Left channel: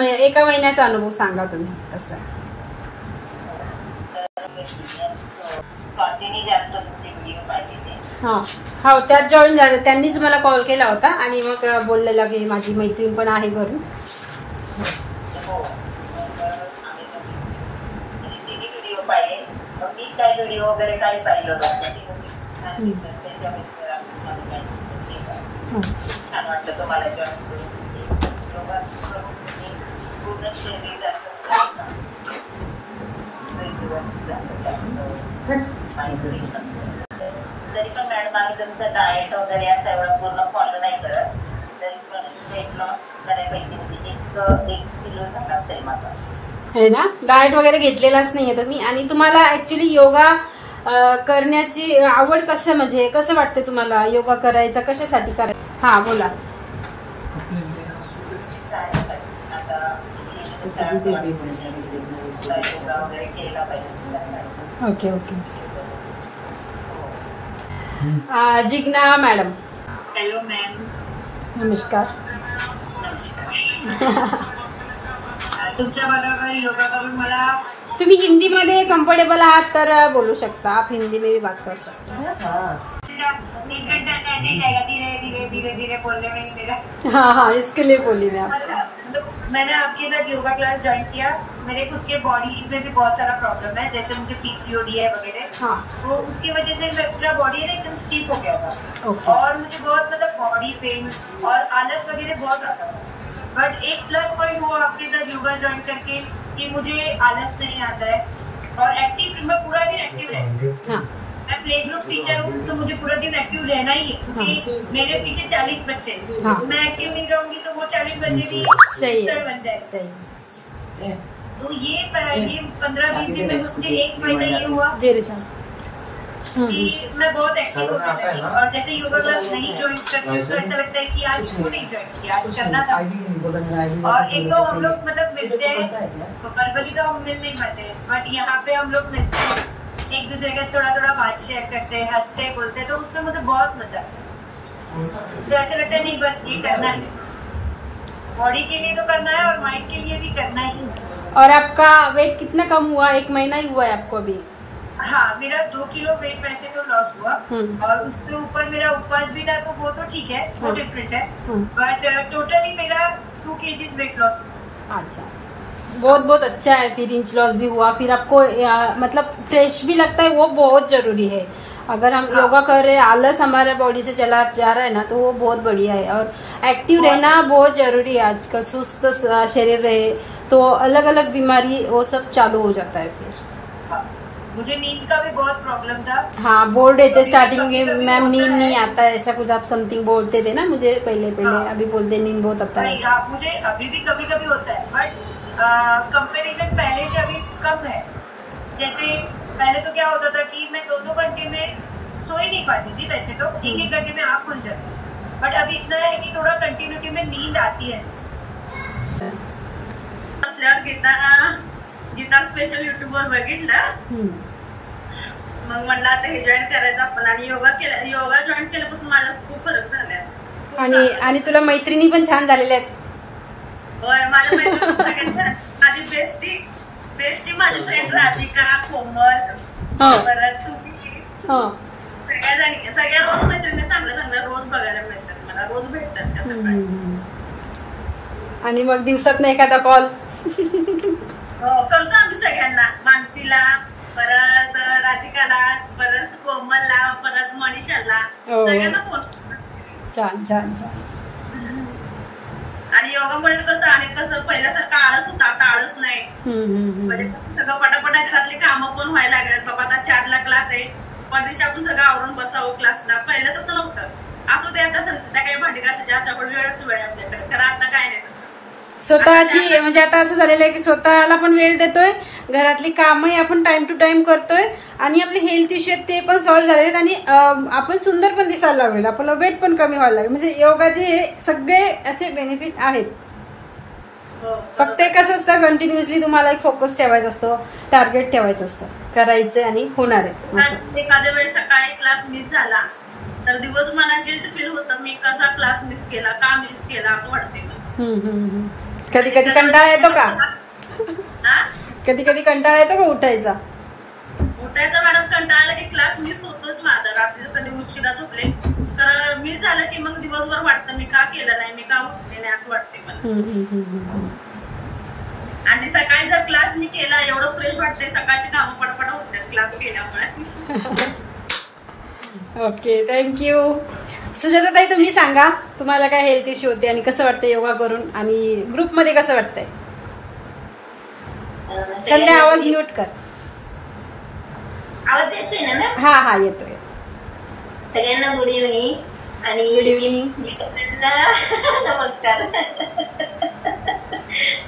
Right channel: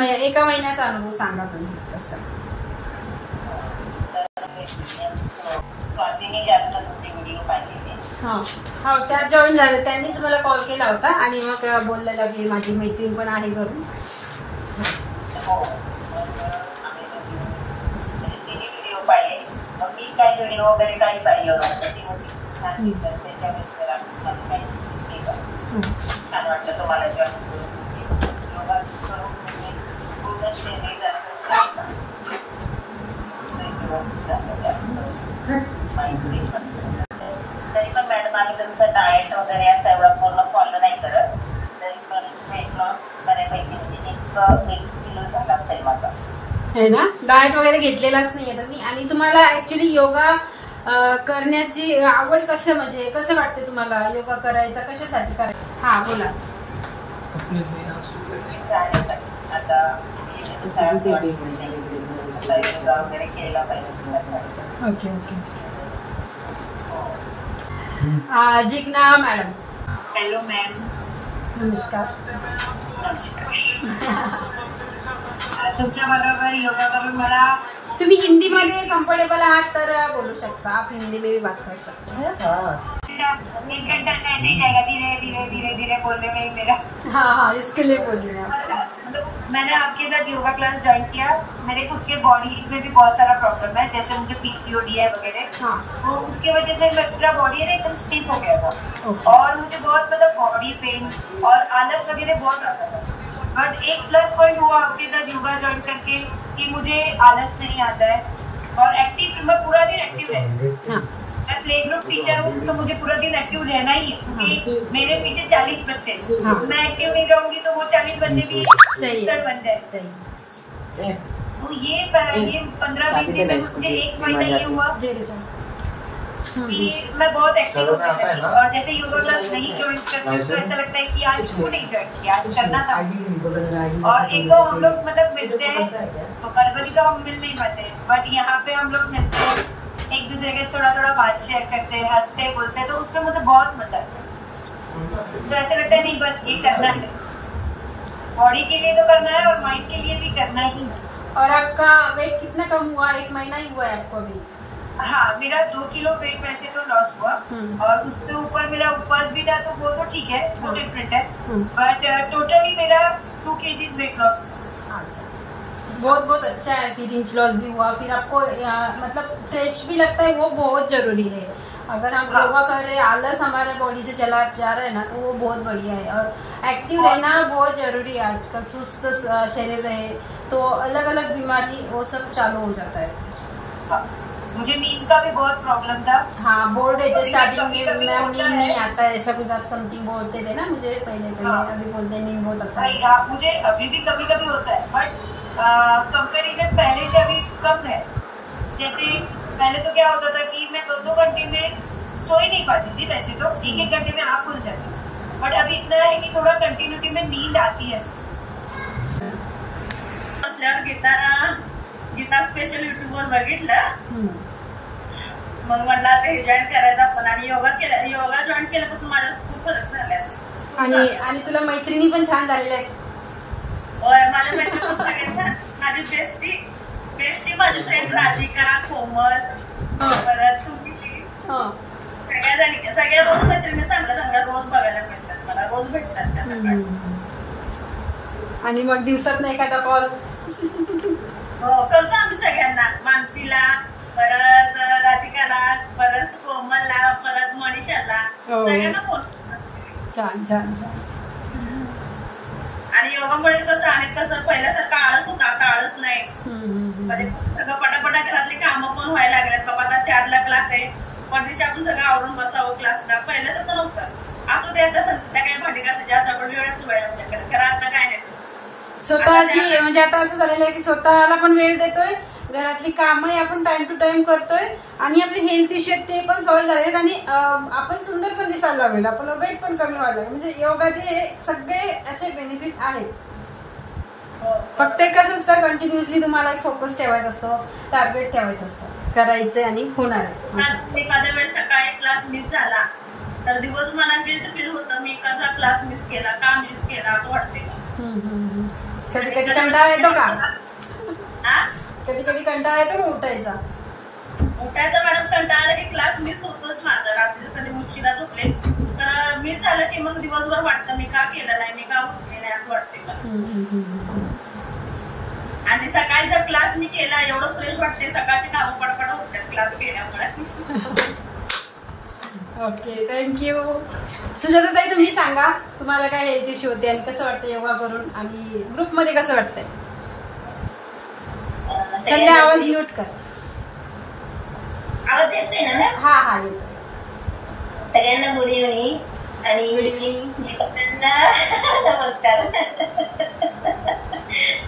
एका महिन्याचा अनुभव सांगा तुम्ही कसं. हो त्यात जॉईन झालं, त्यांनीच मला कॉल केला होता आणि मग बोललेला की माझी मैत्रीण पण आहे घरून. व्हिडिओ पाहिले, मग मी काय व्हिडिओ वगैरे काही पाहिलं छान वाटतं तुम्हाला पूर्ण तरी पण मॅडम आम्ही तुमचं डाएट वगैरे असं एवढं पूर्ण फॉलो नाही करत, तरी पण वेट लॉस बऱ्यापैकी म्हणजे 1 किलो झाला असेल माझा. है ना, डाएट वगैरे घेतलेलाच नाहीये तुम्ही. आणि तुम्हाला ऍक्च्युली योगा करण्याची आवड कसं, म्हणजे कसं वाटतं तुम्हाला योगा करायचा, कशासाठी करायचा? हा बोला. आता योगा वगैरे केला पाहिजे. Okay okay. Jigna madam. Hello ma'am. नमस्कार. तुमच्या बरोबर योगा करून मला, तुम्ही हिंदी मध्ये कम्फर्टेबल आहात तर बोलू शकता, आप हिंदी में भी बात कर सकते हैं. 1 घंटा ऐसे ही जाएगा, धीरे धीरे धीरे धीरे बोलने में ही मेरा. हाँ, इसके लिए बोली मैं. मैंने आपके साथ योगा क्लास ज्वाइन किया. मेरे खुद के बॉडी में भी बहुत सारा प्रॉब्लम है, जैसे मुझे पीसीओडी है वगैरह. हाँ. तो उसकी वजह से मेरा बॉडी है एकदम स्टिफ हो गया था. और मुझे बहुत मतलब बॉडी पेन और आलस वगैरह बहुत आता था. बट एक प्लस पॉइंट हुआ आपके साथ योगा ज्वाइन करके कि मुझे आलस नहीं आता है और एक्टिव, मैं पूरा दिन एक्टिव रहती हूँ. मैं प्ले ग्रुप टीचर हूँ तो मुझे पूरा दिन एक्टिव रहना ही है, क्योंकि मेरे पीछे 40 बच्चे हैं. मैं एक्टिव नहीं रहूंगी तो वो 40 बच्चे भी बन जाए. तो ये 15-20 दिन में मुझे एक फायदा ये हुआ कि मैं बहुत एक्टिव हो गई. और जैसे योगा क्लास नहीं ज्वाइन करती तो ऐसा लगता है कि आज क्यों नहीं ज्वाइन किया, आज करना था. और एक तो हम लोग मतलब मिलते हैं तो फरवरी तो हम मिल नहीं पाते हैं, बट यहाँ पे हम लोग मिलते हैं, एक दूसरे के थोड़ा थोड़ा बात शेयर करते हैं, हंसते हैं, बोलते हैं, तो उसमें मुझे बहुत मजा आता है. तो ऐसा लगता है नहीं बस ये करना है, बॉडी के लिए तो करना है और माइंड के लिए भी करना ही है. और आपका वेट कितना कम हुआ? 1 महीना ही हुआ है आपको अभी? हाँ, मेरा 2 किलो वेट वैसे तो लॉस हुआ और उसके ऊपर मेरा उपवास भी था, तो वो तो ठीक है, वो डिफरेंट है. बट टोटली मेरा 2 kg वेट लॉस हुआ. अच्छा, बहुत बहुत अच्छा है. फिर इंच लॉस भी हुआ, फिर आपको मतलब फ्रेश भी लगता है, वो बहुत जरूरी है. अगर हम योगा कर रहे हैं, आलस हमारे बॉडी से चला जा रहा है ना, तो वो बहुत बढ़िया है. और एक्टिव रहना बहुत जरूरी है. आजकल सुस्त शरीर रहे तो अलग अलग बीमारी वो सब चालू हो जाता है. फिर मुझे नींद का भी बहुत प्रॉब्लम था. हाँ, बोल रहे थे स्टार्टिंग में मैम नींद नहीं आता है, ऐसा कुछ आप समथिंग बोलते थे ना मुझे पहले. अभी बोलते नींद बहुत आता है. मुझे अभी भी कभी कभी होता है, बट कंपैरिजन पहले से अभी कम है. जैसे पहले तो क्या होता था कि मैं 2-2 घंटे में सो ही नहीं पाती थी. वैसे तो 1-1 घंटे में आँख खुल जाती, बट अभी इतना है कि थोड़ा कंटिन्यूटी में नींद आती है. असल्यावर गीता स्पेशल युट्यूबवर बघितलं, मग म्हटलं आता हे जॉईन करायचं आपण. आणि योगा जॉईन केल्यापासून माझ्यात खूप फरक झालाय. आणि तुला मैत्रिणी पण छान झालेल्या आहेत. होय, माझ्या मैत्रिणी पण सगळ्यात छान. माझी बेस्टी माझी फ्रेंड राधिका, कोमल, परत तुम्ही, सगळ्या रोज मैत्रिणी चांगल्या रोज बघायला मिळतात मला, रोज भेटतात त्या सकाळच्या. आणि मग दिवसात नाही एखादा कॉल करतो आम्ही सगळ्यांना, मानसीला, परत राधिकाला, परत कोमलला, परत मनीषाला, सगळ्यांना फोन. छान छान छान. आणि योगामुळे कसं पहिल्यासारखं आळस होता, आता आळस नाही. म्हणजे सगळं पटापटा घरातली कामं पण व्हायला लागल्यात. बाबा आता 4ला क्लास आहे, परदेशी आपण सगळं आवरून बसावं क्लासला. पहिलं तसं नव्हतं. असं ते आता संध्याकाळी भांडी घासायची, आपल्याकडे वेळच वेळ आपल्याकडे. खरं आता काय नाही तसं. स्वतःची म्हणजे आता असं झालेलं आहे की स्वतःला पण वेळ देतोय, घरातली कामही आपण टाइम टू टाइम करतोय, आणि आपले हेल्थ इश्यू ते पण सॉल्व्ह झालेत, आणि आपण सुंदर पण दिसायला लागेल, आपलं वेट पण कमी व्हायला लागेल. म्हणजे योगाचे सगळे असे बेनिफिट आहेत. फक्त कसं असतं, कंटिन्युअसली तुम्हाला एक फोकस ठेवायचा असतो, टार्गेट ठेवायचं असतं, करायचं आणि होणार आहे. एखाद्या वेळेस सकाळी क्लास मिस झाला तर दिवस मला गिल्ट फील होतं, मी कसा क्लास मिस केला, का मिस केला असं वाटते. कधी कधी कंटाळा येतो का? कधी कधी कंटाळा येतो का उठायचा? मॅडम कंटाळा की क्लास मिस होतोच माझा. रात्री कधी उशिरा झोपले तर मिस झालं की मग दिवसभर वाटतं मी का केलं नाही, मी का उठले नाही असं वाटते मला. आणि सकाळी जर क्लास मी केला एवढं फ्रेश वाटते, सकाळची कामं पटापट होतात क्लास केल्यामुळे. Okay, thank you. सुजाता ताई तुम्ही सांगा, तुम्हाला काय हेल्थ इश्यू होते आणि कसं वाटतं योगा करून आणि ग्रुपमध्ये कसं वाटतंय? सध्या आवाज म्यूट कर. आवाज येतोय ना? हा हा येतोय. सगळ्यांना गुड इव्हनिंग आणि गुड इव्हनिंग. नमस्कार.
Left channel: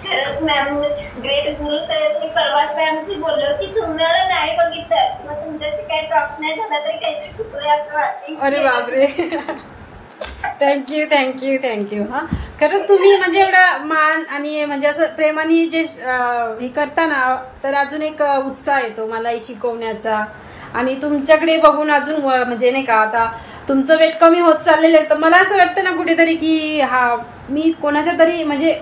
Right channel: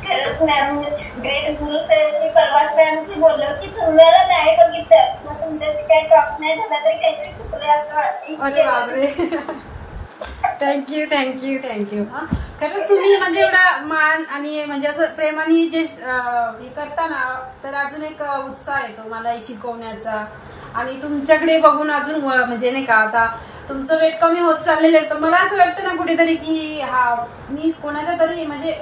खरंच मॅम ग्रेट गुरु सर. परवाच मॅमशी बोललो की तुम्हाला नाही बघितलं मग तुमच्याशी काही टॉक नाही झाला तरी काहीतरी चुकलं असं वाटतं. अरे बापरे. Thank you thank you thank you. हा खरंच तुम्ही म्हणजे एवढा मान आणि म्हणजे असं प्रेमाने जे हे करता ना, तर अजून एक उत्साह येतो मला शिकवण्याचा. आणि तुमच्याकडे बघून अजून म्हणजे नाही का, आता तुमचं वेट कमी होत चाललेलं आहे तर मला असं वाटतं ना कुठेतरी की हा मी कोणाच्या तरी म्हणजे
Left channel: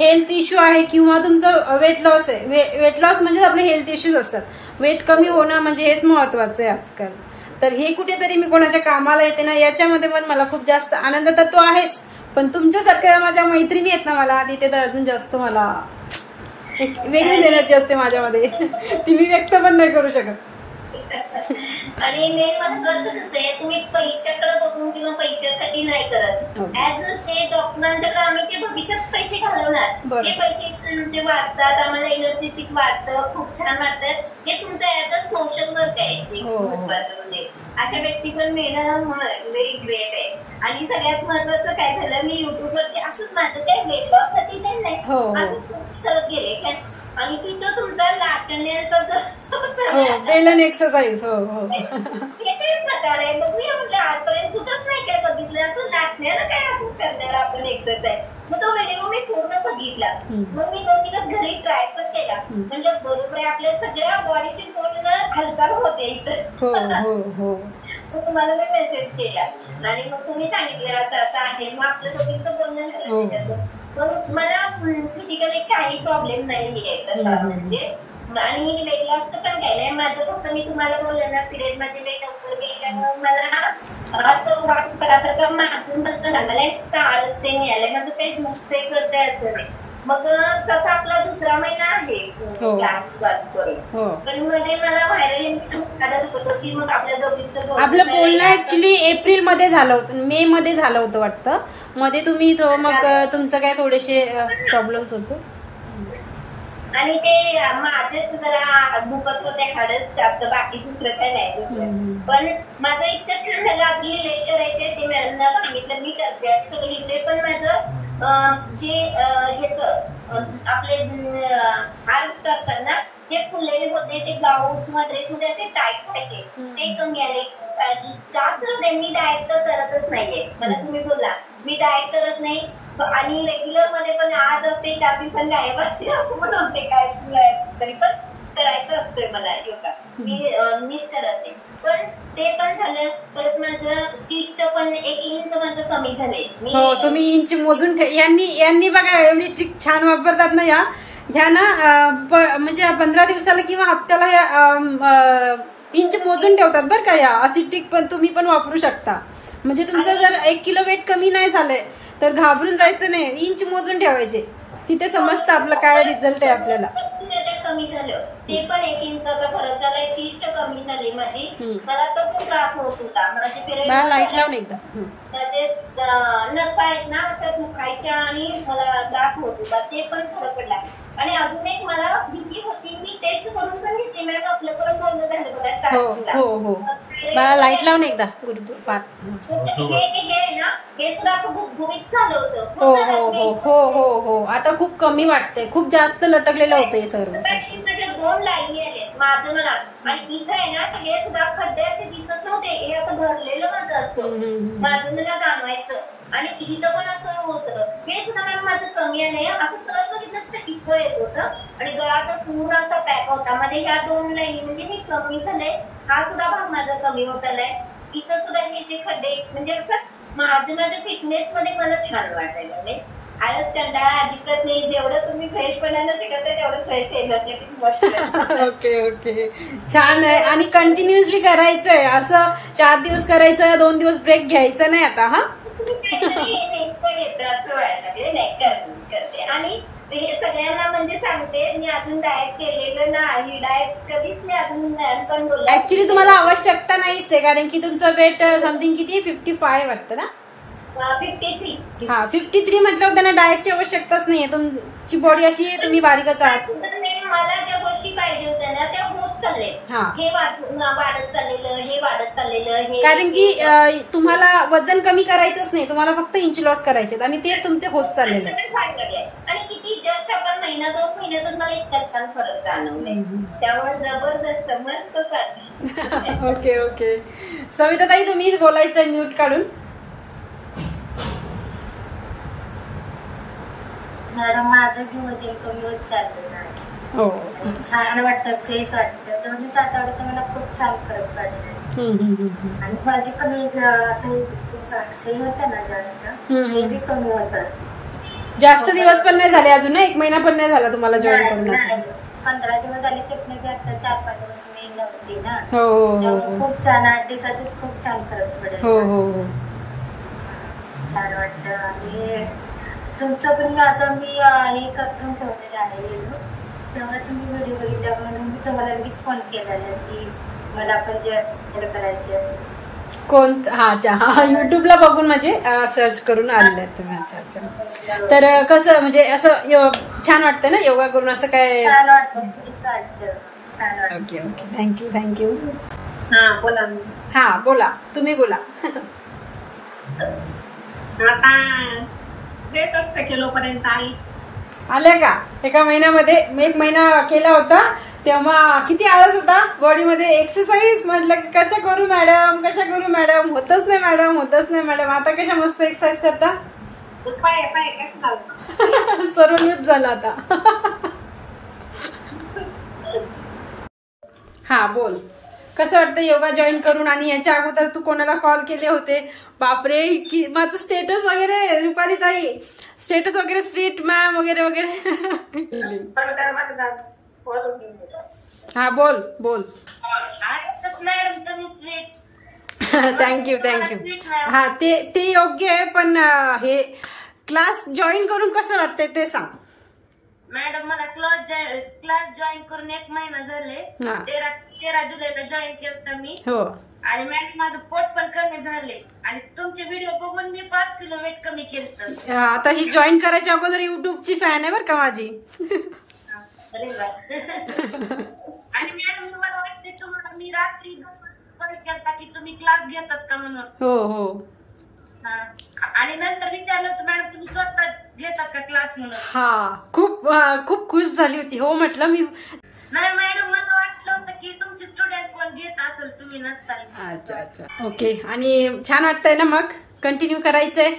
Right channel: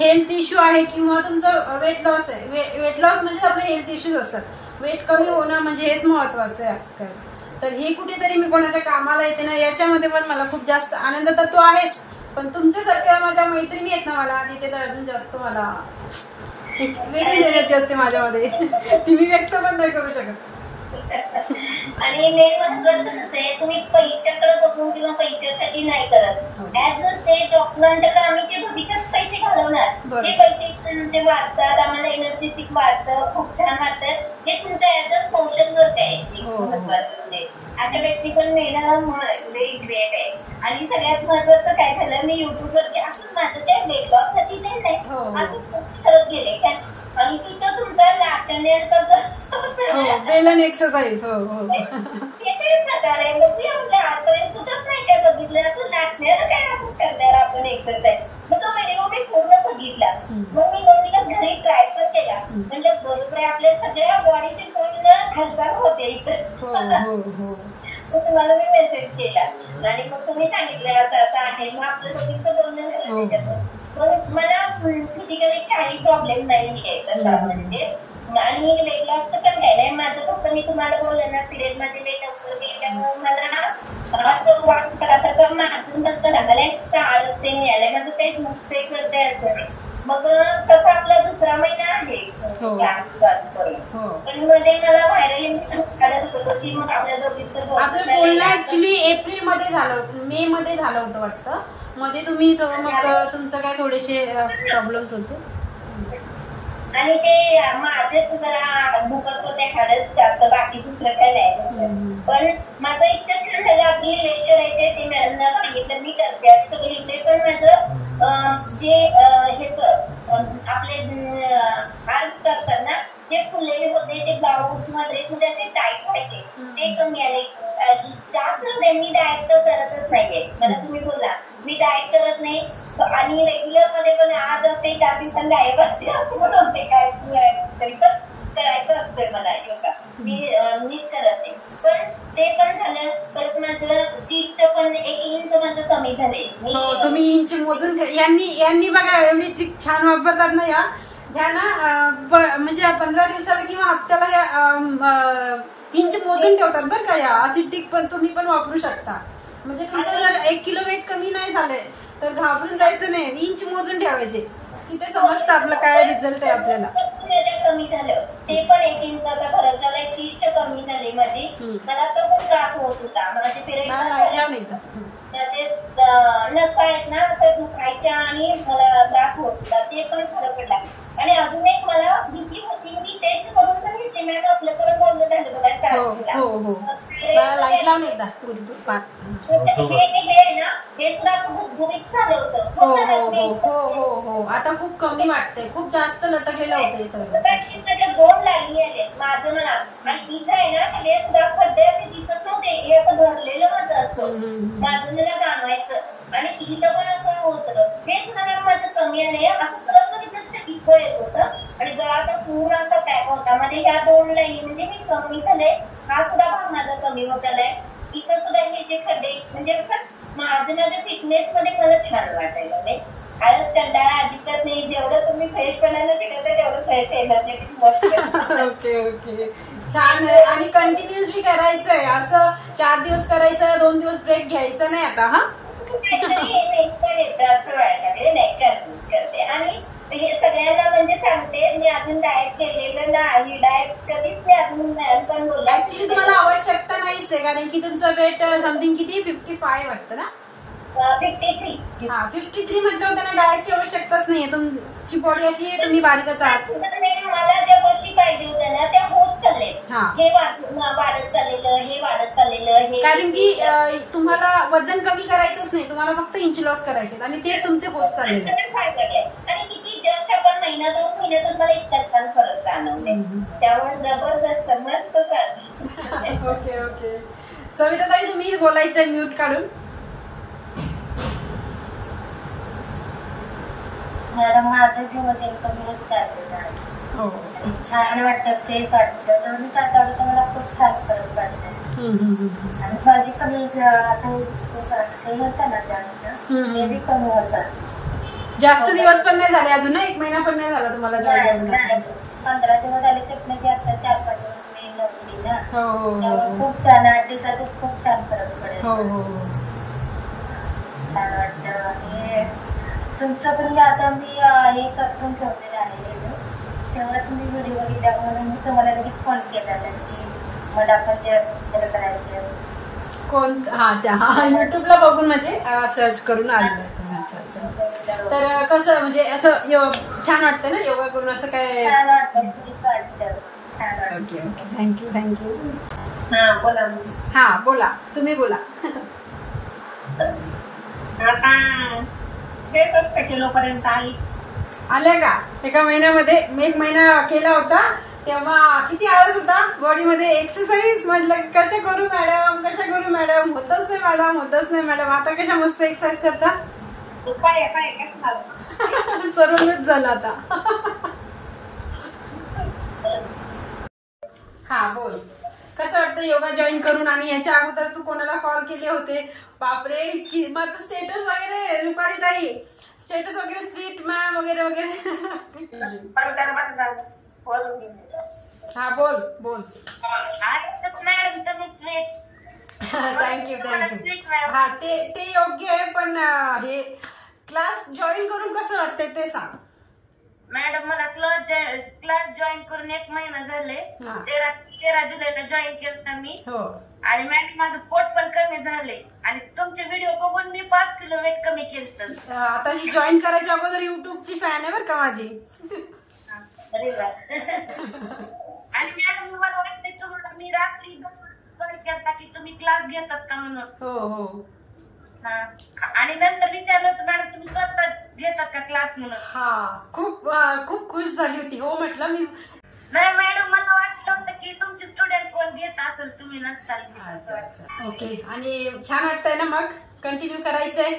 हेल्थ इश्यू आहे किंवा तुमचं वेट लॉस आहे. वेट लॉस म्हणजे आपले हेल्थ इश्यूज असतात. वेट कमी होणं म्हणजे हेच महत्वाचं आहे आजकाल. तर हे कुठेतरी मी कोणाच्या कामाला येते ना, याच्यामध्ये पण मला खूप जास्त आनंद तर तो आहेच, पण तुमच्यासारख्या माझ्या मैत्रिणी आहेत ना मला तिथे तर अजून जास्त मला वेगळी एनर्जी असते माझ्यामध्ये. ती मी व्यक्त पण नाही करू शकत. आणि मेन महत्वाचं कसं आहे, तुम्ही पैशाकडे बघून किंवा पैशासाठी नाही करत. ऍज अ से डॉक्टरांच्याकडे आम्ही ते भविष्यात पैसे घालवणार, ते पैसे म्हणजे वाढतात, आम्हाला एनर्जेटिक वाटतं, खूप छान वाटतं. हे तुमचं ऍज अ सोशल वर्क आहे महत्वाचं. म्हणजे अशा व्यक्ती पण मिळणं ग्रेट आहे. आणि सगळ्यात महत्वाचं काय झालं, मी युट्यूबवरती असंच माझं काय वेट लॉस साठी नाही असंच करत गेले आणि तिथं तुमचा लाटण्याचा एक्सरसाइज प्रकार आहे. बघूया म्हटलं आजपर्यंत कुठंच नाही काय बघितलं असं लाटण्याला काय असं करणार आपण एक्सरसाइज. मग तो व्हिडिओ मी पूर्ण बघितला. मग मी 2 दिवस घरी ट्राय पण केला. म्हणजे बरोबर आहे आपल्या सगळ्या बॉडीची पूर्ण हालचाल होते इथं. तुम्हाला मी मेसेज केला आणि मग तुम्ही सांगितलं असं असं आहे. मग आपलं दोघींचं बोलणं झालं त्याच्यातून. मग मला फिजिकली काही प्रॉब्लेम नाहीये तसा म्हणजे. आणि वेट लॉसचं पण काही नाही माझं. फक्त मी तुम्हाला बोललं ना पिरियड मध्ये लई लवकर गेल्यामुळे मला असं वाटतं माझं नसतं ना, मला एक आळस ते मिळालंय. माझं काही दुसरे करता येतं नाही. मग तसा आपला दुसरा महिना आहे क्लास करून, पण मध्ये मला व्हायरल इन्फेक्शन काढत होतं की मग आपल्या दोघींचं आपलं बोलणं ऍक्च्युली एप्रिल मध्ये झालं होतं, मे मध्ये झालं होतं वाटतं. मध्ये तुम्ही मग तुमचं काय थोडेसे प्रॉब्लेम्स होते आणि ते माझेच जरा दुखत होते हाडच जास्त, बाकी दुसरं काय नाही. पण माझं इतकं छान झालं. अजून वेट करायचे ते मॅडमना सांगितलं मी करते आणि सगळं इथे. पण माझं जे हेच आपले आर्म्स करतात ना हे फुललेले होते, ते ब्लाऊज किंवा ड्रेस मध्ये असे टाईट व्हायचे, ते कमी आले. जास्त मी डाएट तर करतच नाहीये. मला तुम्ही बोलला मी डाएट करत नाही आणि रेग्युलर मध्ये पण आज असते 4 दिवसांनी गायब असते असं पण होते. काय तरी पण करायचं असतंय मला योगा, मी मिस करत नाही. पण ते पण झालं. परत माझं सीटचं पण 1 इंच माझं कमी झालंय. तुम्ही इंच मोजून यांनी बघा एवढी ट्रिक छान वापरतात ना ह्या ना, म्हणजे 15 दिवसाला किंवा हप्त्याला ह्या इंच मोजून ठेवतात बरं का. या अशी ट्रिक पण तुम्ही पण वापरू शकता. म्हणजे तुमचं जर 1 किलो वेट कमी नाही झालंय तर घाबरून जायचं नाही, इंच मोजून ठेवायचे. तिथे समजतं आपलं काय रिझल्ट आहे आपल्याला. कमी झालं ते पण 1 इंचाचा फरक झालाय. चीस्ट कमी झाली माझी. मला तो पण त्रास होत होता. माझे पिरियड माझे नसा आहेत ना असं दुखायच्या आणि मला त्रास होत होता, ते पण फरक पडला. आणि अजून एक मला भीती होती, मी टेस्ट करून पण घेतली. मॅम आपलं पण बोलणं झालं बघा स्टार्टिंगला, लाईट लावून एकदा. हे ना हे सुद्धा असं गुबगुबीत झालं होतं. हो आता खूप कमी वाटतंय, खूप जास्त लटकलेलं होतं हे सर्व. 2 लाईनी आले माझं मला. आणि इथं आहे ना हे सुद्धा खड्डे असे दिसत नव्हते, हे असं भरलेलं माझं असतं, माझं मला जाणवायचं. आणि इथं पण असं होतं. हे सुद्धा मॅम माझं कमी आलंय. असं सहज बघितलं तर इथं येत होतं आणि गळा तर पूर्ण असा पॅक होता. म्हणजे ह्या 2 लाईनी म्हणजे मी कमी झाले. हा सुद्धा भाग माझा कमी होत आलाय. इथं सुद्धा हे जे खड्डे म्हणजे असं माझ्या फिटनेस मध्ये मला छान वाटायला नाही. आळस कंटाळा अजिबात नाही. जेवढं तुम्ही फ्रेशपणानं शिकवताय तेवढं फ्रेश एनर्जेटिक. ओके ओके, छान आहे. आणि कंटिन्युअसली करायचंय असं, 4 दिवस करायचं, 2 दिवस ब्रेक घ्यायचा नाही आता. हा पण येतं असं व्हायला लागले. नाही करते. आणि हे सगळ्यांना म्हणजे सांगते, मी अजून डाएट केलेलं नाही. डाएट कधीच मी अजून मॅम पण बोलला. ऍक्च्युली तुम्हाला आवश्यकता नाहीच आहे, कारण की तुमचं वेट समथिंग किती 55 वाटतं ना. 53. हा 53 म्हटल्यावर त्यांना डाएटची आवश्यकताच नाहीये. तुमची बॉडी अशी आहे, तुम्ही बारीकच आहात. मला ज्या गोष्टी पाहिजे होत्या ना त्या होत चालले. हे वाढत चाललेलं हे, कारण की तुम्हाला वजन कमी करायचंच नाही, तुम्हाला फक्त इंच लॉस करायचे आणि ते तुमचे होत चाललेले. आणि किती जस्ट आपण 1-2 महिन्यातच मला इतका छान फरक जाणवले. त्यामुळे जबरदस्त मस्त चालते. Okay okay. सविता ताई तुम्ही बोलायचंय म्यूट काढून. मॅडम माझं बी वजन कमी होत चाललेलं आहे. छान वाटतं, फ्रेश वाटतं. 2 आठवड्यात मला खूप छान फरक पडला. आणि माझी पण एक असं होतं ना जास्त, ते बी कमी होतं. जास्त दिवस पण नाही झाले अजून, 1 महिना पण नाही झाला तुम्हाला जॉईन करून. 15 दिवस झाले. तिथनं बी आता 4-5 दिवस मी नव्हती ना, त्यामुळे खूप छान 8 दिवसातच खूप छान फरक पडेल. छान वाटतं. आणि तुमचं पण मी असं हे करून ठेवलेलं आहे व्हिडिओ, तेव्हा तुम्ही व्हिडिओ बघितल्या म्हणून मी तुम्हाला लगेच फोन केलेला की मला पण जे करायचे कोण. हा युट्यूबला बघून म्हणजे सर्च करून आलेले आहेत तुम्ही. अच्छा. तर कसं म्हणजे असं छान वाटतं ना योगा करून, असं काय छान वाटतं. छान वाटतं. Okay okay, thank you. हा बोला. हा बोला, तुम्ही बोला. आता 63 किलो पर्यंत आले का? एका महिन्यामध्ये. मी 1 महिना केला होता तेव्हा किती आळस होता बॉडीमध्ये. एक्सरसाइज म्हटलं कशा करू मॅडम, होतच नाही मॅडम. आता कशा मस्त एक्सरसाइज करता. सर्वच झालं आता. हा बोल, कसं वाटतं योगा जॉईन करून. आणि याच्या अगोदर तू कोणाला कॉल केले होते? बापरे, माझं स्टेटस वगैरे, रुपाली ताई स्टेटस वगैरे, स्ट्रीट मॅम वगैरे वगैरे. हा बोल बोल. थँक्यू. हा ते योग्य आहे, पण हे क्लास जॉईन करून कसं वाटतंय ते सांग. मॅडम मला क्लास जॉईन करून 1 महिना झाले. 13 जुलैला जॉईन केलं मी. हो. आणि मॅडम माझं पोट पण कमी झाले. आणि तुमचे व्हिडिओ बघून मी 5 किलो वेट कमी केलं. आता ही जॉईन करायच्या अगोदर युट्यूबची फॅन आहे बरं का माझी. आणि मॅडम मला वाटते तुम्हाला मी रात्री 2 वाजता कॉल केला की तुम्ही क्लास घेतात का म्हणून. हो. आणि नंतर विचारलं होतं मॅडम तुम्ही स्वतः घेतात का क्लास म्हणून. हा खूप खुश झाली होती. हो म्हटलं मी. नाही मॅडम, मला वाटलं होतं की तुमचे स्टुडंट कोण घेत असेल, तुम्ही नसताल. अच्छा. ओके. आणि छान वाटतंय ना मग कंटिन्यू करायचंय.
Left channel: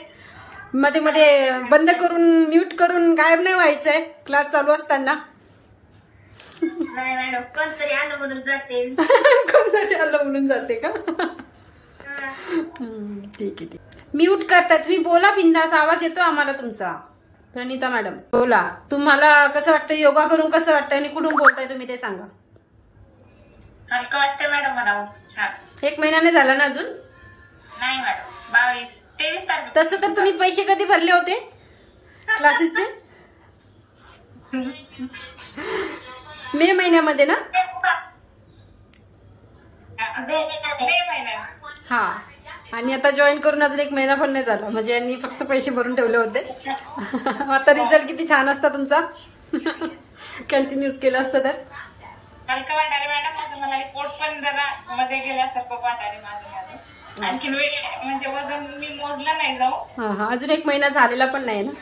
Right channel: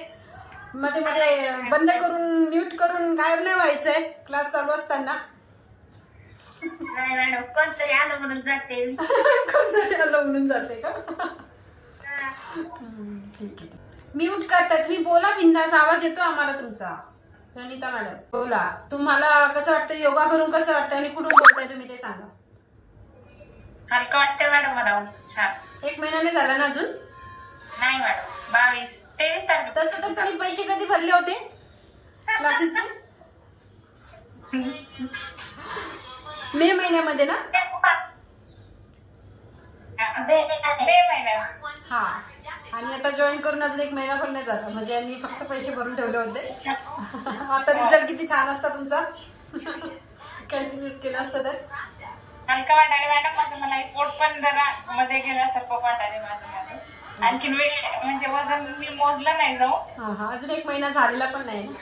मध्ये मध्ये बंद करून म्यूट करून गायब नाही व्हायचंय क्लास चालू असताना. नाही मॅडम, कोणतरी आलं म्हणून जाते. कोणतरी आलं म्हणून जाते का? ठीक आहे. म्यूट करता तुम्ही, बोला बिंदास. आवाज येतो आम्हाला तुमचा. प्रणिता मॅडम बोला. तुम्हाला कसं वाटतं योगा करून, कसं वाटतं आणि कुठून बोलताय तुम्ही ते सांगा. हलकं वाटतं मॅडम मला. छान. 1 महिन्याने झाला ना अजून? नाही मॅडम, 23 तारखेला. तसं तर तुम्ही पैसे कधी भरले होते क्लासेसचे? मे महिन्यामध्ये ना? मे महिन्यात. हा. आणि आता जॉईन करून अजून 1 महिना पण नाही झाला, म्हणजे यांनी फक्त पैसे भरून ठेवले होते. आता रिझल्ट किती छान असता तुमचा. कंटिन्यूस केलं असतं तर. हलका वाटायला मॅडम माझं. मला पोट पण जरा मध्ये गेल्यासारखं वाटायला माझं. आणखीन म्हणजे वजन मी मोजलं नाही जाऊ. हा. अजून 1 महिना झालेला पण नाही ना.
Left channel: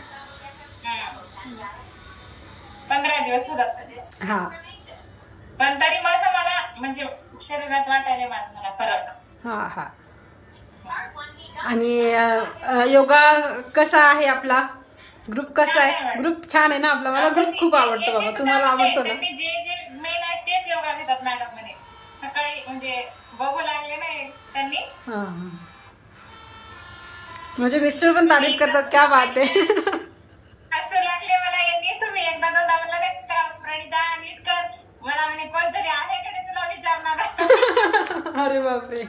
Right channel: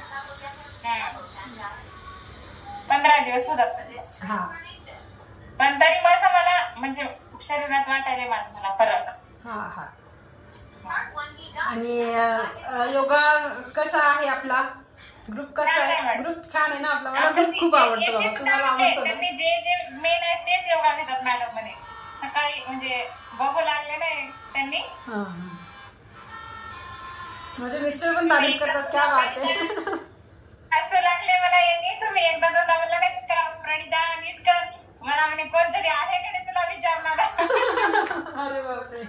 15 दिवस होतात. हा. पण तरी माझं मला म्हणजे शरीरात वाटायला माझं मला फरक. हा. आणि योगा कसा आहे आपला ग्रुप? कसा आहे ग्रुप? छान आहे ना आपला. मला ग्रुप खूप आवडतो बाबा. तुम्हाला आवडतो ना? जे मेन आहे तेच योगा घेतात मॅडम म्हणे. सकाळी म्हणजे बघू लागले नाही त्यांनी. माझे मिस्टर पण तारीफ करतात. क्या बात आहे. हसू लागले मला यांनी. तुम्ही एकदा दोनदा म्हणलं नाही का प्रणिता नीट कर, मला म्हणे कोणतरी आहे कडे तुला विचारणार. अरे बापरे,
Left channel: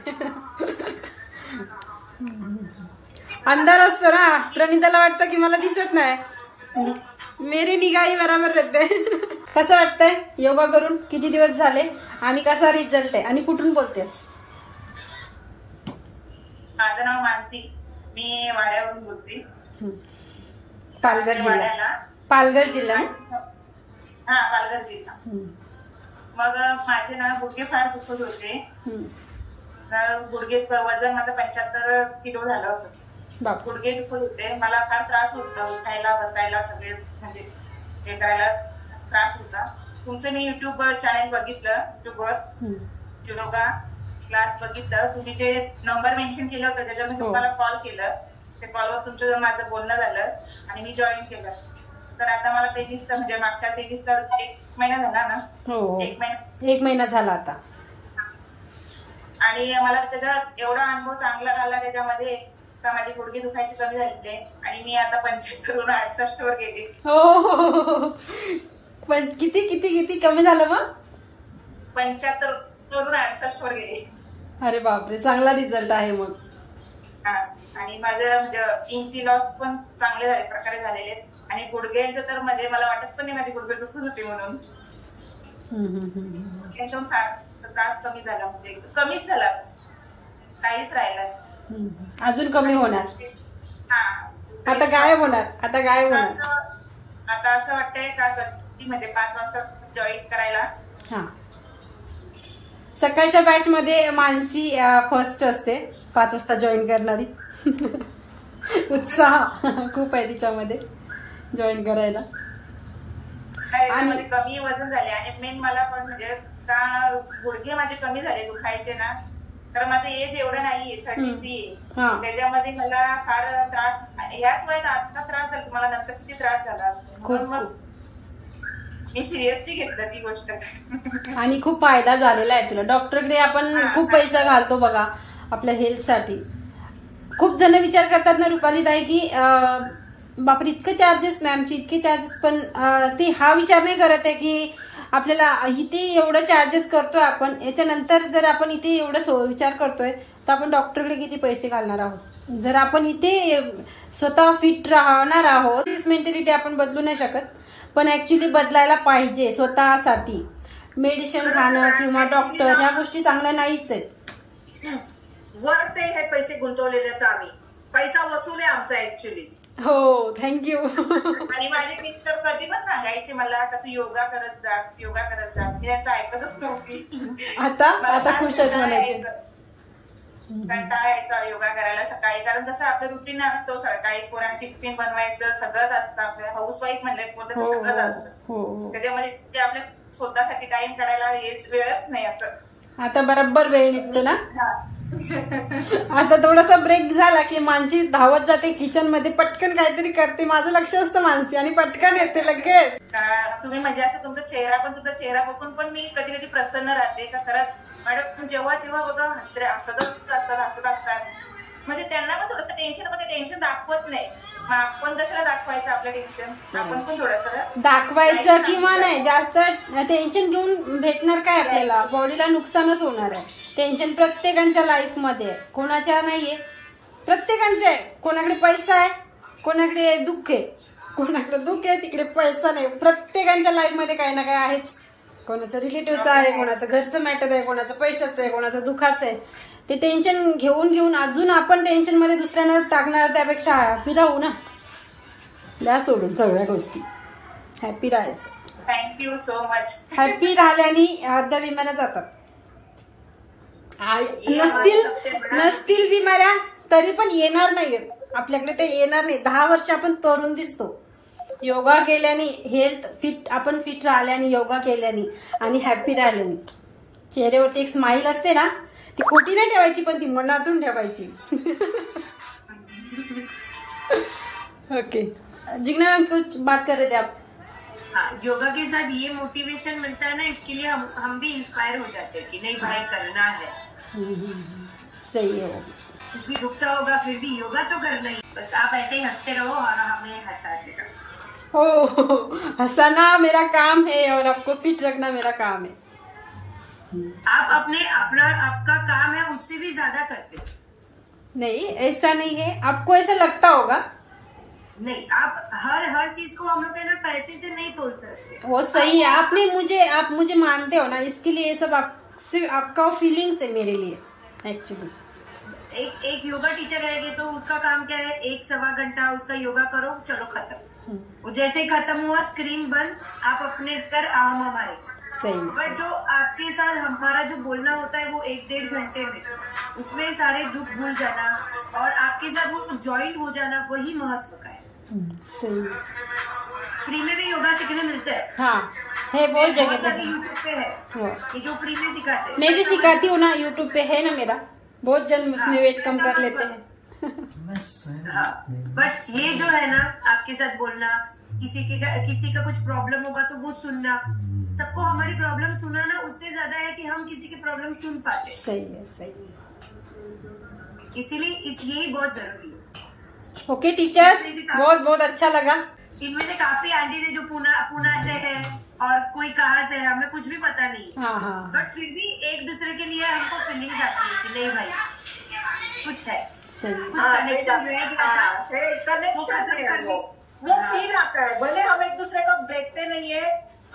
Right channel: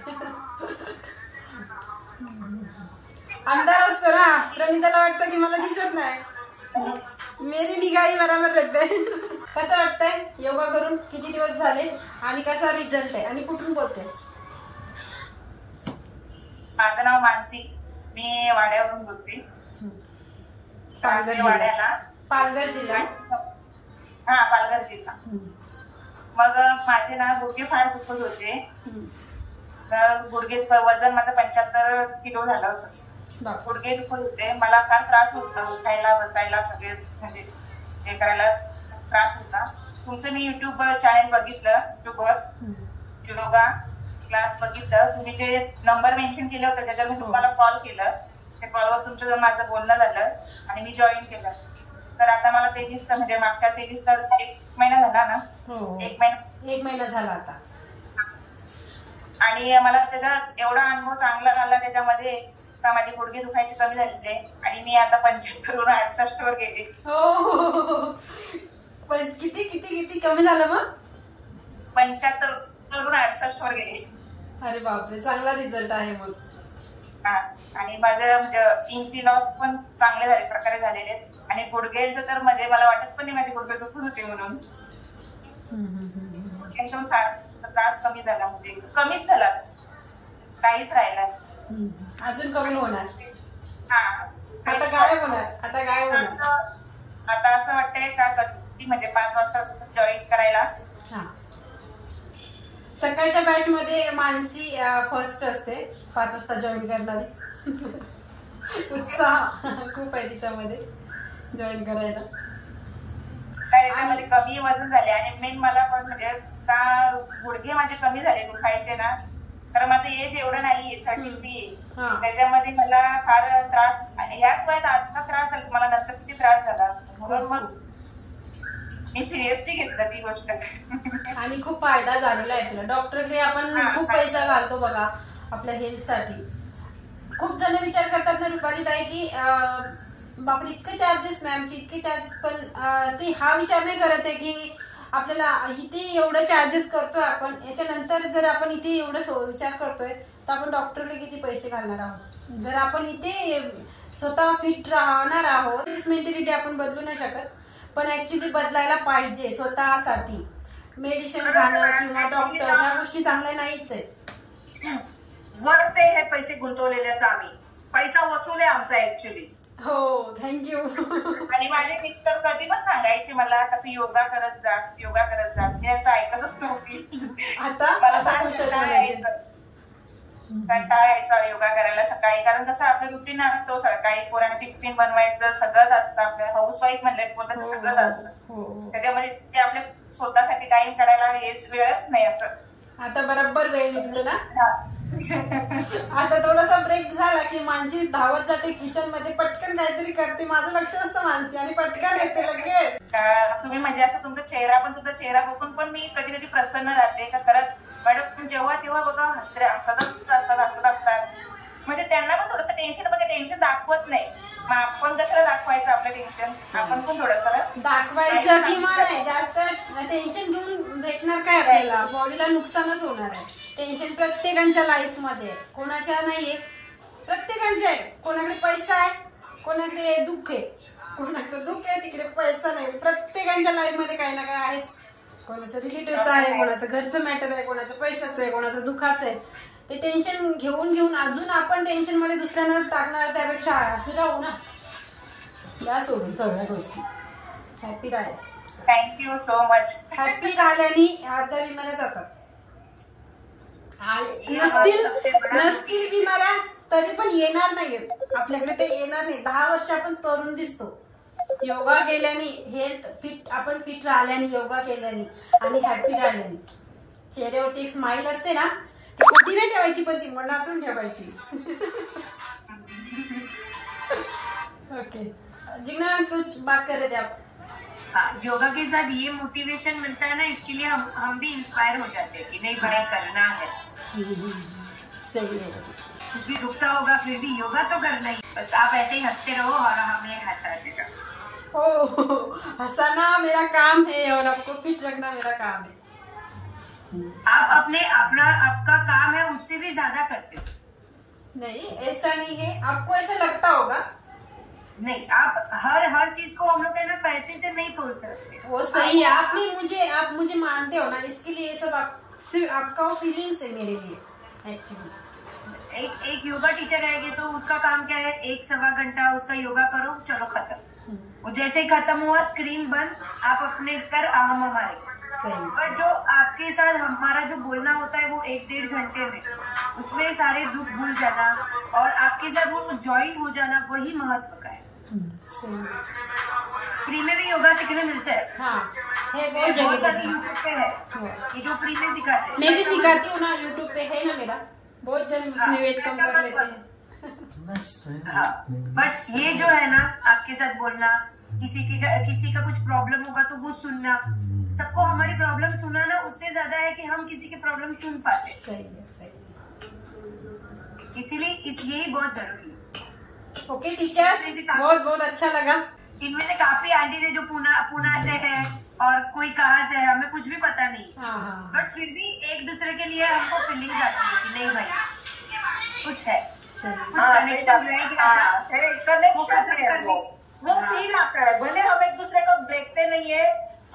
अंधार असतो ना. प्रणिताला वाटतं की मला दिसत नाही, मेरी निगाही बराबर रहते. कसं वाटतंय योगा करून? किती दिवस झाले आणि कसा रिझल्ट आहे आणि कुठून बोलतेस? माझं नाव मानसी, मी वाड्यावरून बोलते. पालघर वाड्याला, पालघर जिल्हा. हा पालघर जिल्हा. मग माझे ना गुडघे फार दुखत होते. गुडघे वजन माझं 75 किलो झालं होतं. गुडघे दुखत होते, मला फार त्रास होता उठायला बसायला, सगळे म्हणजे हे करायला त्रास होता. तुमचं मी युट्यूब चॅनल बघितलं, युट्यूबवर योगा क्लास बघितलं. तुम्ही जे नंबर मेन्शन केलं होतं त्याच्यावर मी तुम्हाला कॉल केलं. त्या कॉलवर तुमचं माझं बोलणं झालं आणि मी जॉईन केलं. तर आता मला 23 म्हणजे मागच्या 23 1 महिना झाला ना. 1 महिना झाला आता. आणि मला त्याचा एवढा अनुभव चांगला झाला त्याच्यामध्ये का माझे गुडघे दुखायचे कमी झाले आणि मी आता 75 वरून 68 वर गेले. हो, पण किती किती किती कमी झालं मग? 75 वरून 68 वर गेले. अरे बापरे, चांगला रिझल्ट आहे मग. आणि माझं म्हणजे इंची लॉस पण चांगले झाले प्रकारे झालेले आहेत. आणि गुडघ्यांचं तर म्हणजे मला वाटत पण नाही माझे गुडघे दुखत होते म्हणून. त्रास कमी झाला, म्हणजे कमीच झाला, काहीच राहिला. अजून कमी होणार. आता गायब होणार, आता गायब होणार. आता असं वाटतंय का कधी म्हणजे 5 वाजता जॉईन करायला. सकाळच्या बॅच मध्ये मानसी फर्स्ट असते, 5 वाजता जॉईन करणारी. उत्साह खूप आहे तिच्यामध्ये जॉईन करायला. त्याच्यामध्ये कमी वजन झाले आणि मेन मला पण म्हणजे का गुडघे माझे कमी झाले दुखायचे ना. कारण माझं एज एवढं नाहीये, 33. त्याच्यामध्ये मला फार त्रास, याच वयात आता त्रास झाला, मला नंतर किती त्रास झाला असतो. म्हणून मग मी सिरियसली घेतलं ती गोष्ट. आणि खूप फायदा झालेला आहे तुला. डॉक्टरकडे आपण खूप पैसा घालतो बघा आपल्या हेल्थ साठी. खूप जण विचार करतात ना रुपाली ताई की बापरे इतकं चार्जेस मॅमचे, इतके चार्जेस. पण ते हा विचार नाही करत आहे की आपल्याला इथे एवढं चार्जेस करतोय आपण, याच्यानंतर जर आपण इथे एवढं विचार करतोय तर आपण डॉक्टरकडे किती पैसे घालणार आहोत. जर आपण इथे स्वतः फिट राहणार आहोत, मेंटॅलिटी आपण बदलू नाही शकत, पण ऍक्च्युली बदलायला पाहिजे स्वतःसाठी. मेडिसिन खाणं किंवा डॉक्टर ह्या गोष्टी चांगल्या नाहीच आहेत. वर ते हे पैसे गुंतवलेल्याच आम्ही पैसा वसूल आहे आमचा ऍक्च्युली. हो, थँक्यू. आणि माझे मिस्टर कधी पण सांगायचे मला का तू योगा करत जा, योगा करत जा. मी याचं ऐकतच नव्हती. आता खुश कंटाळा यायचा योगा करायला सकाळी. कारण कसं आपलं रुटीन असतो, सकाळी पोरांना टिफिन बनवायचं सगळंच असतं. आपल्या हाऊसवाईफ म्हणलं बोललं तर सगळंच असतं. त्याच्यामध्ये ते आपल्या स्वतःसाठी टाइम काढायला वेळच नाही असं. आता बरोबर वेळ निघतो ना. आता थोडासा ब्रेक झाला की मानसी धावत जाते किचन मध्ये, पटकन काहीतरी करते. माझं लक्ष असतं मानसी आणि पटकन येते लगेच. तुम्ही म्हणजे असं तुमचा चेहरा बघून पण मी कधी कधी प्रसन्न राहते का खरंच मॅडम जेव्हा तेव्हा बघा हसत असतात. म्हणजे त्यांना पण थोडंसं टेन्शन, पण ते टेन्शन दाखवत नाही. मग आपण कशाला दाखवायचं आपलं टेन्शन? आपण पण थोडंसं दाखवायचं किंवा नाही. जास्त टेन्शन घेऊन भेटणार काय आपल्याला? बॉडीला नुकसानच होणार आहे. टेन्शन प्रत्येकाच्या लाईफ मध्ये, कोणाच्या नाहीये, प्रत्येकांच्या आहे. कोणाकडे पैसा आहे, कोणाकडे दुःख आहे. कोणाकडे दुःख आहे तिकडे पैसा नाही. प्रत्येकांच्या लाईफ मध्ये काही ना काही आहेच. कोणाचं रिलेटिव्हचं आहे, कोणाचं घरचं मॅटर आहे, कोणाचं पैशाचं आहे, कोणाचं दुःखाचं आहे. ते टेन्शन घेऊन अजून आपण टेन्शन मध्ये दुसऱ्यांना टाकणार, त्यापेक्षा हॅपी राहू ना. द्या सोडून सगळ्या गोष्टी, हॅपी राहायचं. Thank you so much. हॅपी राहिल्याने अर्ध्या विमाना जातात. नसतील बिमाऱ्या तरी पण येणार नाही आपल्याकडे, ते येणार नाही. 10 वर्ष आपण तरुण दिसतो योगा केल्याने. हेल्थ फिट, आपण फिट राहिल्याने, योगा केल्याने आणि हॅपी राहिल्याने. चेहऱ्यावरती एक स्माइल असते ना, ती खोटी नाही ठेवायची, पण ती मनातून ठेवायची. ओके जिग्ना मैम कुछ बात कर रहे थे आप? हाँ, योगा के साथ ये मोटिवेशन मिलता है ना, इसके लिए हम भी इंस्पायर हो जाते हैं कि नहीं भाई करना है. सही है. कुछ भी दुखता होगा फिर भी योगा तो करना ही. बस आप ऐसे ही हंसते रहो और हमें हंसाते रहो. हंसाना मेरा काम है और आपको फिट रखना मेरा काम है। आप आपका काम है उससे भी ज्यादा करते हो। नहीं, ऐसा नहीं है, आपको ऐसा लगता होगा। नहीं, आप हर चीज को हम लोग ना पैसे से नहीं तोलते। वो सही है, आप मुझे मानते हो ना, इसके लिए ये सब आपका फीलिंग्स है मेरे लिए एक्चुअली। एक योगा टीचर रहेगी तो उसका काम क्या है, 1-1.25 घंटा उसका योगा करो, चलो खत्म। वो जैसे ही खत्म हुआ स्क्रीन बंद, आप अपने कर हम हमारे। पर जो आपके साथ हमारा जो बोलना होता है वो 1-1.5 घंटे में, उसमें सारे दुख भूल जाना और आपके साथ वो ज्वाइन हो जाना, वही महत्व का है। फ्री में भी योगा सीखने मिलते हैं। हाँ, है, बहुत सारे यूट्यूब पे है ये जो फ्री में सिखाते हैं। मैं भी सिखाती हूँ ना, यूट्यूब पे है ना मेरा, बहुत जल्द उसमें वेट कम कर लेते हैं। हाँ, बट ये जो है ना, आपके साथ बोलना, किसी का कुछ प्रॉब्लम होगा तो वो सुनना, सबको हमारी प्रॉब्लम सुनाना उससे ज्यादा है कि हम किसी की प्रॉब्लम सुन पाते। सही है। इसीलिए यही बहुत जरूरी है। ओके टीचर, बहुत अच्छा लगा। इनमें से काफी आंटी थे जो पुणे से है और कोई कहाँ से है, हमें कुछ भी पता नहीं। हाँ। बट फिर भी एक दूसरे के लिए हमको फीलिंग्स आती है कि नहीं भाई कुछ है, कुछ कनेक्शन है, वो फील आता है। भले हम एक दूसरे को देखते नहीं है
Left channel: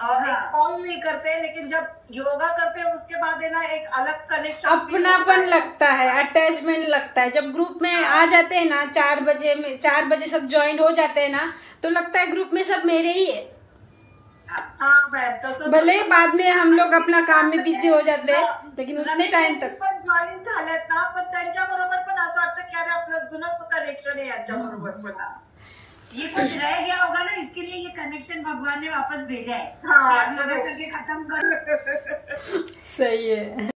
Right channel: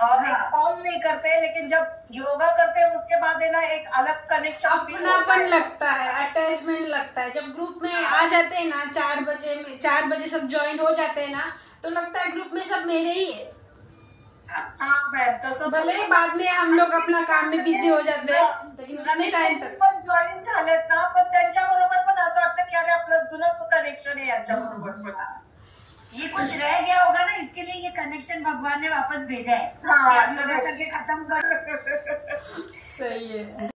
और कॉल नहीं करते, लेकिन जब योगा करते हैं उसके बाद है ना एक अलग कनेक्शन, अपनापन लगता है, अटैचमेंट लगता है। जब ग्रुप में आ जाते हैं ना, 4 बजे सब ज्वाइन हो जाते हैं ना, तो लगता है ग्रुप में सब मेरे ही है। हाँ मैम, तसं भले बाद में हम लोग अपना काम में बिझी हो जाते हैं, लेकिन उतने टाइम तक पण जॉईन झालेत ना, पण त्यांच्या बरोबर पण असं वाटतं की अरे आपलं जुनंच कनेक्शन आहे यांच्या बरोबर पण। ये कुछ रह गया होगा ना, इसके लिए ये कनेक्शन भगवान ने वापस भेजा है। हाँ, करके खत्म कर। सही है।